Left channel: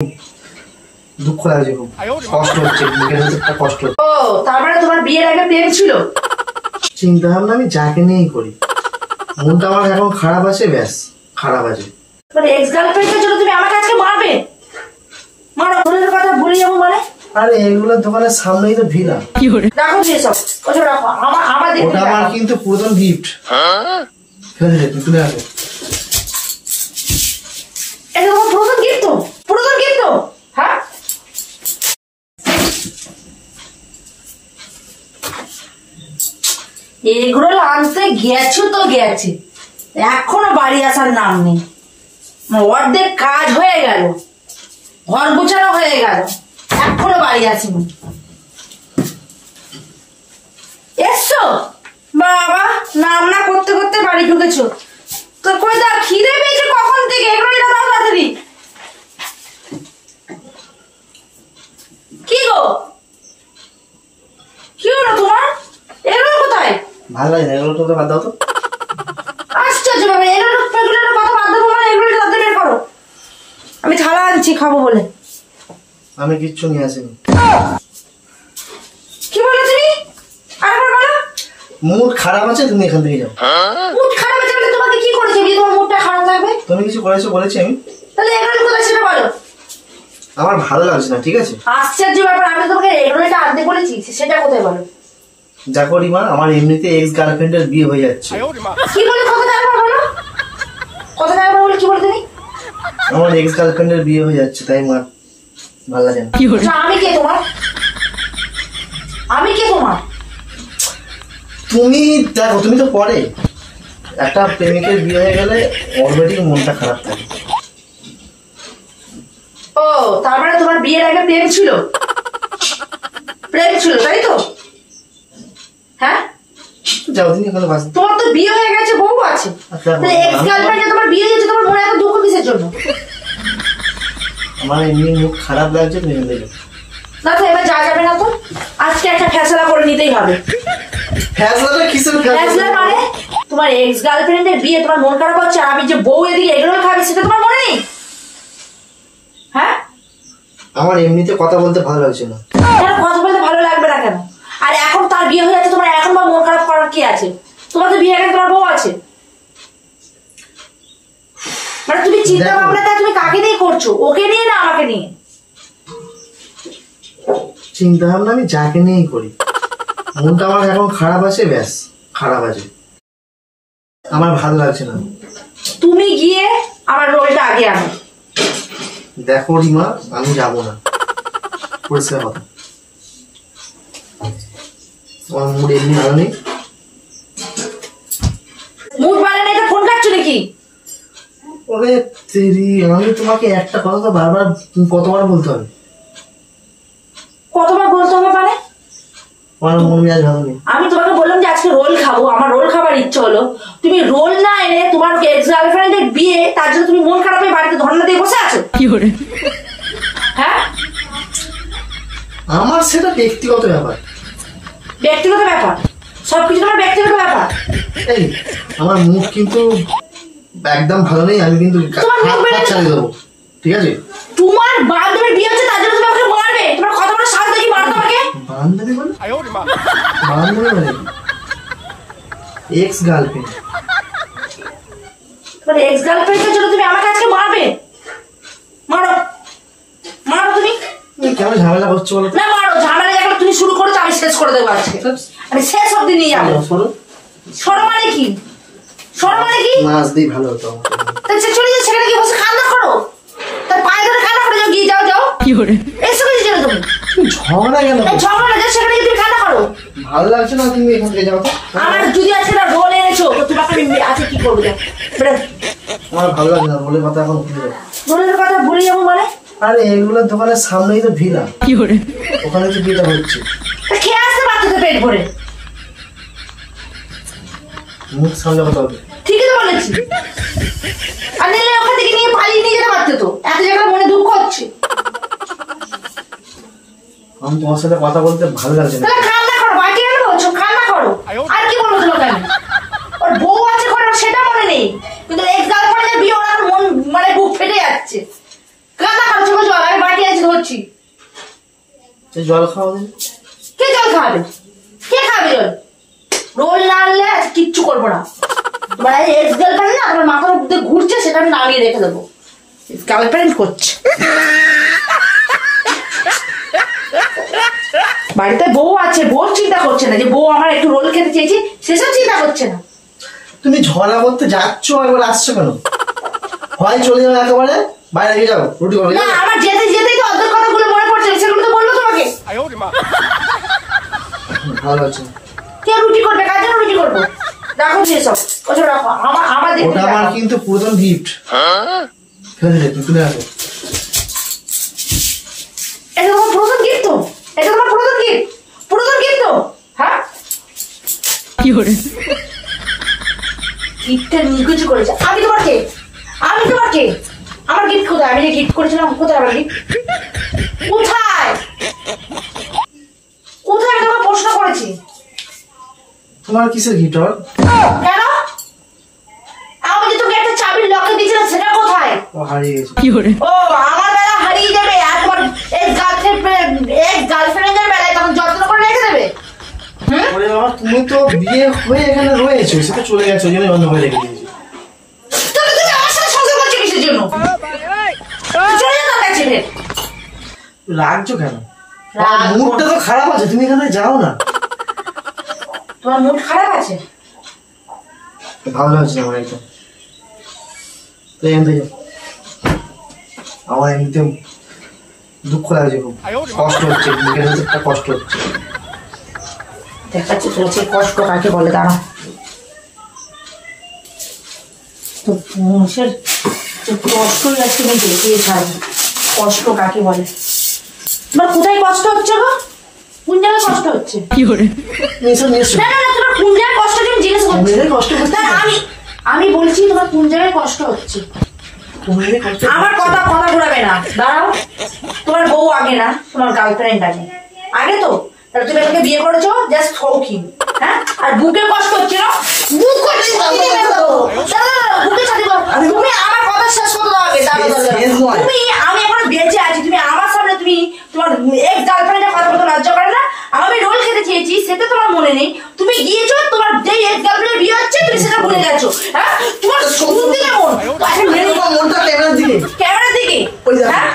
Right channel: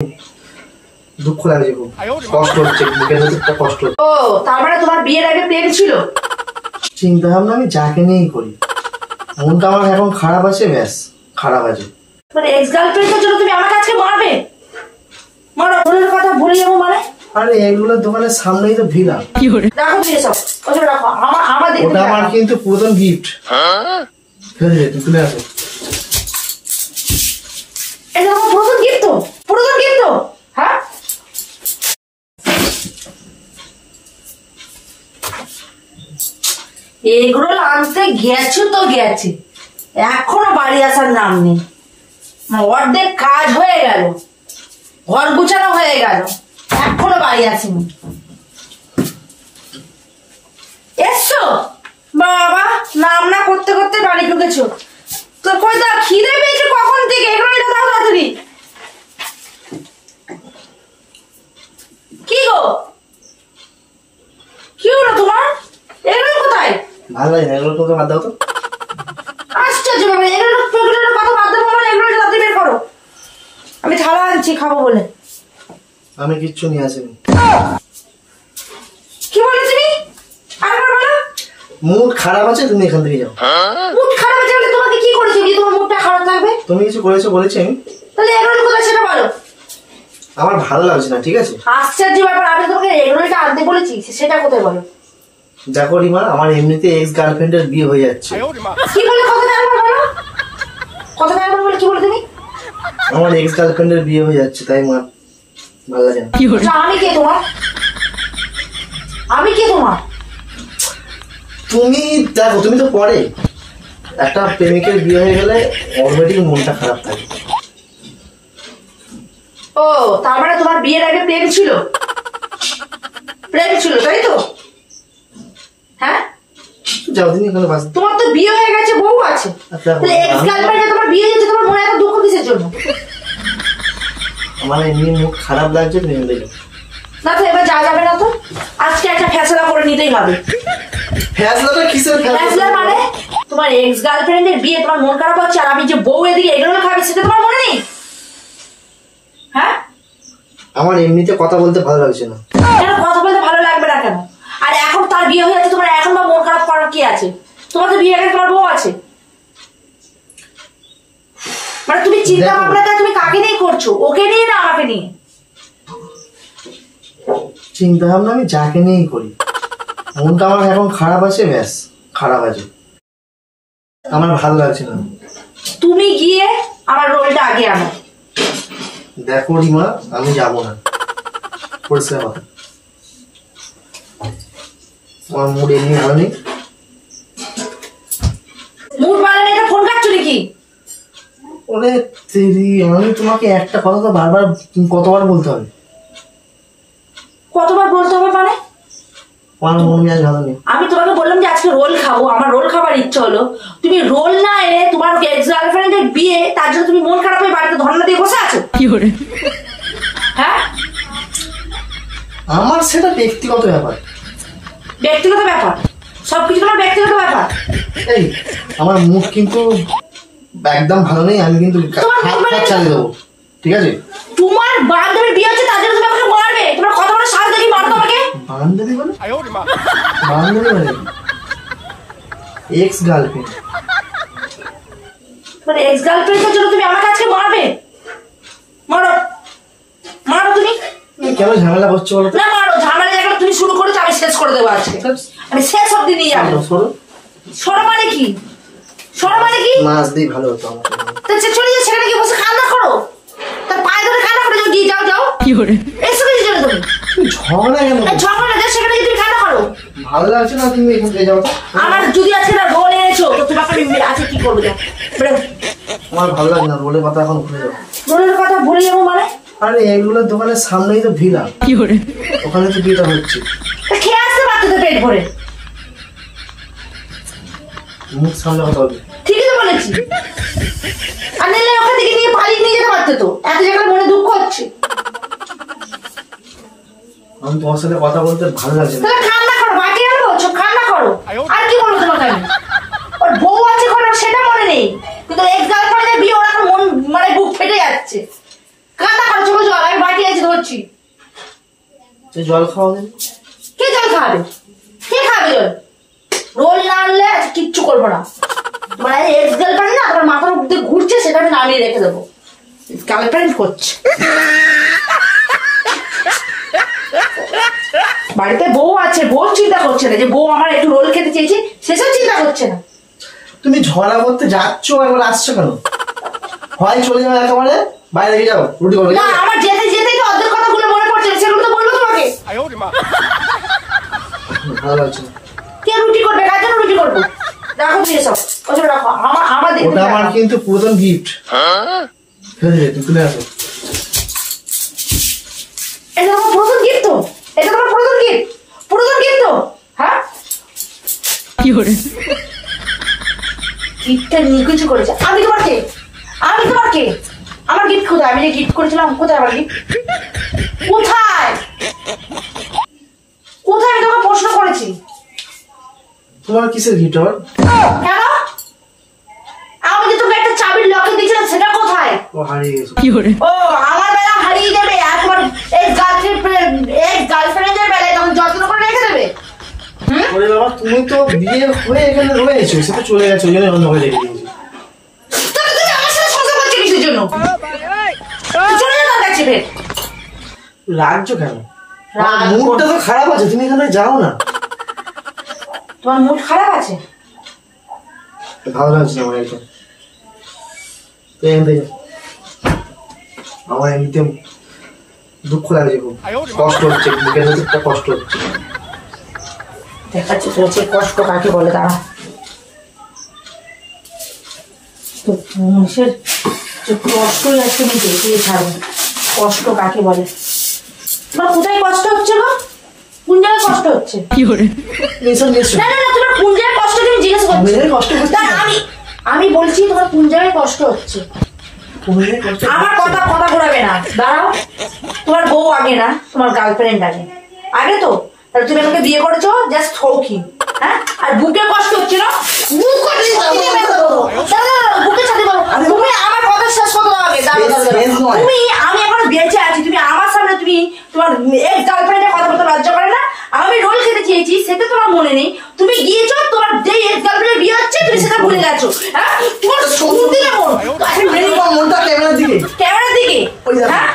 দুঃখ লাগছে, খুব কষ্ট হচ্ছে, কষ্ট। ও তার মানে তোমার বিয়ের আগে প্রেম ছিল? চিন্তা ভাবনা আমি যাকে নিয়েই করি, মনটা আমার এখন খারাপ আছে, ব্যাস খারাপ আছে। মানে এক্স গার্লফ্রেন্ডের জন্য তুমি আমাকে আজকে মারবে? মারো, মনের কথা ভুলে যাবো মানে? আরে এগুলোর দোকানের সামনেই তো ভিড়া। রাখো দিয়ে সব, ওসব রাখো। আমার ওটা আমার কিন্তু পুরাতন গিফট। তুই তুলে আসো। এটা তোমার পুরাতন গিফট তো? পুরাতন গিফট তো? হ্যাঁ, এগুলো আনতে গেছো তো গেছে, এখনো বাড়ি আসার নাম নেই। অর্ধেক কাজ হয়ে গেল, ঘর গুছানো হয়ে গেল, এখনো বাড়ি আসেনি। এসছো বাবা, নাম না করতে করতে বাড়ি ঢুকেছো তো? কই দা, খিদে পেয়েছে কখন থেকে? এগুলো এটা দাও তাড়াতাড়ি। কি গো, কি হলো তোমার? এগুলো কোথায়? ভালো লাগে না এগুলো, তো বাদ দাও তো। আশ্চর্য বাবা, এগুলো কথা বাদ দেবো মানে? এগুলো তাড়াতাড়ি বের করো, আমি থালা আনছি খাবো বলে। আমি কিচ্ছু নিয়ে আসিনি। কি বলে তুমি? আরেকবার বলো। মুড খারাপ আছে, তুমি এখান থেকে যাও। মুড খারাপ আছে বলে তোমাকে কি করেছে যে তোমার মুডটা খারাপ থাকবে? তুমি কিছু করেছো বলেছি আমি? তাহলে এগুলো কোথায় সেটা বলো। আমার ভালো লাগছে না, ঠিক আছে? আশ্চর্য ব্যাপার, আমি তোমাকে এগুলোটা আনতে বলেছি, সেটা কোথায় বলো। দেখো রিমা, আমার এমনিতে এক্স গার্লফ্রেন্ডের বিয়ে হয়ে যাচ্ছে। কি বলে? কথাটা একবার বলো, কথাটা একবার বলে। কি বলে তুমি? আমার এক্স গার্লফ্রেন্ডের বিয়ে হয়ে যাচ্ছে, তাই আমার ভালো লাগে না। আচ্ছা, আমি কে তোমার? আমি কে তোমার? তুমি দেখো, তুমি তো পরে একটা প্রেমিকের বিয়ে হয়ে গেলে অলরেডি মনটা খারাপ থাকে। ও তার মানে তোমার বিয়ের আগে প্রেম ছিল? প্রেম ছিল তাই তো? হ্যাঁ, যাও দিন এখানে বাস। তোমার তো বিয়ে হয়ে গেছে, বউ আছে, তাহলে এক্স গার্লফ্রেন্ডে তোমার বিয়ে হয়েছে, তোমার মনে এত দুঃখ কিসের জন্য? আমার এমনি মুখ খারাপ লাগছে, তুমি এখানে যাও। না তো এবার যা যাবে না তো, আজকে একটা ফেসলা করে নিতেই হবে। ফ্যাসলাটা কিসের ফেসলা মানে? তোমার এক্স গার্লফ্রেন্ডের বিয়ে, তোমার মন খারাপ হচ্ছে, আর আমি যে বউ এদিকে এগুলো খাবে সেটা তোমার মনে নেই? হ্যাঁ, আমার এমনিতে কথা বলতে ভালো লাগছে না। কেন কথা বলতে ভালো লাগবে না কেন? আর এখন তার বিয়ে হয়ে যাচ্ছে, তোমার এখন বা মন খারাপ করার কি আছে? তোমার তো বিয়ে আগে তোমার বউ আছে। মানে তুমি চিন্তা ভাবনাটা তুমি কাকে নিয়ে করছো? ওকে নিয়ে না আমাকে নিয়ে? চিন্তা ভাবনা আমি যাকে নিয়েই করি, মনটা আমার এখন খারাপ আছে, ব্যাস খারাপ আছে। আমার ভালো লাগছে না। তুমি গিয়ে আমার রোলটা আগে আনো। দেখো রিমা, আমি যাবো না, পরিষ্কার কথা। আমার মুড এমনি ভালো নেই। মুড ভালো নেই তো ফোন কাটছো নাকি? ওরে তেরি, আমি তোমাকে একটা কথা তো বারবার কতবার বলতে হবে? কতবার বলতে হবে মানে? আমার মন মেজাজ ভালো নেই। আমি তোমাকে বললাম যে আজকে রোল খাবো, আমার রোল খাবার ইচ্ছে হলো, তুমি রোল না এনে তোমার এক্স গার্লফ্রেন্ডের বিয়ে, তার জন্য তুমি মন খারাপ হয়ে বাড়িতে ধর্ণা দিয়ে বসে আছো? কি করে? হ্যাঁ, আমার সেটা ব্যক্তিগত ব্যাপার। ব্যক্তিগত ব্যাপার? সবকিছু তোমার ব্যক্তিগত ব্যাপার? এই আমার মুড কিন্তু একদম ভালো নেই, আমি কিন্তু চালিয়ে দেবো, ঠিক আছে? তোমার বান্ধবীর বিয়ে হচ্ছে, তার জন্য তুমি আমাকে মারবে? তোমার কথা বলে সাজ দেখি মারো তোমাকে। বান্ধবী মানে? বান্ধবী মানে এক্স গার্লফ্রেন্ড। তোমার এক্স গার্লফ্রেন্ডের জন্য তুমি আমাকে আজকে মারবে? মারো, মারো তুমি। কেন ঝামেলা করছো বলো? না মারো, ঝামেলা এখন তুমি শুরু করেছো, আমি শেষ করে দেবো আজকে। আমি শেষ অব্দি নিয়ে যাবো। সরো মানে কি? সরো মানে কি? মাছ দিয়ে ভালো হতো আমার। চলে যাচ্ছে, সেখানে গিয়ে বসে খান্না করো, তার পায়ে ধরে খান্না করে যাও, গিয়ে যাও যাও। কি করে এসে কিছু জানো তুমি? ঝগড়া কেন? ঝগড়া না, সেখানে গিয়ে তুমি খান্না করো। ভালো লাগছে না, তুমি এখান থেকে যাও তো। আমার যদি আজকে না রোল এনেছো তো তোমাকে আমি আজকে কি করবো? আমার ভালো লাগে না, রোলের কথা এখন ভুলে যাও। রোলের কথা ভুলে যাবো মানে? আরে এগুলোর দোকানের সামনেই তো ভিড়া। কি করে? ওখানে তো বিয়েটা হচ্ছে। খেয়ে আসতে পারছো তো পেট ভরে। মুখ সামনে কথা হবে। ঠিকই তো বলেছি। আর নিলে ওখান থেকে নিয়ে পালিয়ে নিয়ে যেতে পারতে তো, এত জায়গায় মনে দুঃখ হচ্ছে। আমি তোমার সাথে কথা বলতে ভালো লাগছে না। তাহলে কান্না করো, বাকি কেন বলছো? কান্না করো। আর কি বলবো তোমাকে আমি? ওর বউ আছে করে সেটা মনে নেই, কিন্তু এক্স গার্লফ্রেন্ডের বিয়ে ওর এখন মন মানে বুক ফেটে যাচ্ছে। কান্না করছো, বলছো জল খাওয়া দিন। কে জল খাবে? কে খাবে জল? রোল না আনলে আজ কিচ্ছু করবো না। তোমার এক্স গার্লফ্রেন্ড না তোমার মাথার উপর দিয়ে ঘুরছে, সেখানে নামিয়ে রেখে দেবো। গার্লফ্রেন্ড করছে। বাড়িতে বউ আছে, বউ চিন্তা করছে না যে বউ আমার একটু রোল খেতে চেয়েছি, সেসব চিন্তা করছে না। তুমি ঝগড়া করতে যাচ্ছ, এবার আসছো কেন? হয় চলে যাবে একেবারে, বাইরে গিয়ে যাও রুটি করবে। না, আমার যেতে যেতেই তো অর্ধেক কথাগুলো মনে পড়ছে, সেগুলো তো বললো তোমাকে। ভালো আছে। কে রুটি করবে? কার জন্য রুটি করবো? রাখো দিয়ে সব, ওসব রাখো। আমার ওটা আমার কিন্তু পুরাতন গিফট। তুমি তুলে আসো। এটা তোমার পুরাতন গিফট তো? এটা তোমার পুরাতন গিফট? পুরাতন গিফট তো? হ্যাঁ, কি করে গিফটটা নিয়ে কিছু করেছে। আমি তোমার কে? আমি তোমার কে? আমার গিফট কোথায়? আমি যে গিফট করেছিলাম কোথায় আমার গিফট? কোথায় কোথায়? আমি তোমাকে প্রশ্ন করেছি। তোমার কিসের গিফট আবার? কেন? আমি যে তোকে একটা চাবির লকে দিয়েছিলাম, সেটা কোথায়? ও হারিয়ে গেছে। কি করে ও আমার বেলা হারিয়ে দেবে, আর তোমার গার্লফ্রেন্ডের বেলায় তখন যত্ন করে রেখে দেবে। ওরে বাবা, তুমি তো বিয়ে হয়ে এখানে রয়েছো, সে তো চলে গেছে, ওই জন্য বন্ধ করে রেখে দিয়েছি। তাহলে তুমি আমার সাথে সংসার করছো কিসের জন্য? চলে যাও তার কাছে ফের। রাখছো কেন? রাগ মুডটা তো খারাপ আছে, তুমি এখানে যাও না। তোমার মুড খারাপ আছে? ভালো লাগছে না আমার একদম। তো এখান থেকে আমার এমনিতে দুঃখ লাগছে, খুব কষ্ট হচ্ছে, বুকের ভেতর একটা কষ্ট হচ্ছে। দেখাচ্ছি চলেছে কষ্ট কাকে বলে। দাঁড়া, তো মানুষের যে কষ্টই আছে আমি দেখেই ছাড়বো কষ্ট কাকে বলে। তোমার কোথায় কষ্ট হচ্ছে গো? কোন জায়গায় কষ্ট হচ্ছে? কি করে না না না, তোমার কোন জায়গায় কষ্ট হচ্ছে আমি জিজ্ঞেস করছি। কষ্ট হচ্ছে তা আমি বলছি তোমার কোন জায়গায় কষ্ট হচ্ছে। আমার কথা ঘোরাবে না। দাঁড়াও, তোমার বউ আগে না তোমার গার্লফ্রেন্ড আগে? আগে তো। তাহলে তুমি আমাকে বিয়ে করেছো জাস্ট শৌখিন, হ্যাঁ? আর বুকে কষ্ট হচ্ছে না? বুক করছে, বুকে ছাড়ি বলো। তুমি আমার কথা শেষ করতে হবে। তুমি, আমি এখন বেঁচে আছি, তুমি আমার সামনে তুমি তোমার এক্স গার্লফ্রেন্ডের কথা বলতে লজ্জা করে না? আমি রোল খেতে চেয়েছি, সেটা তোমার মনে নেই। তুমি গিয়েছো, তোমার যেই এক্স গার্লফ্রেন্ডের বিয়ে হচ্ছে তুমি সেটা ভুলে গেছো। হ্যাঁ, তোমার শুনতে কেমন? ক্যামেরার দিকে, হ্যাঁ?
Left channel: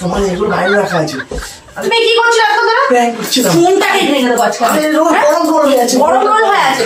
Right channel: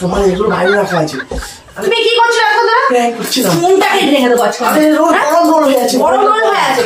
তোমার এগুলো বাইরে রাখা আছে। তুমি কি করছো এখন? প্র্যাঙ্ক করছিলাম। ফোনটাকে রেখে দেবো আজকে। গরম হয়ে আছে। গরম হয়ে আছে।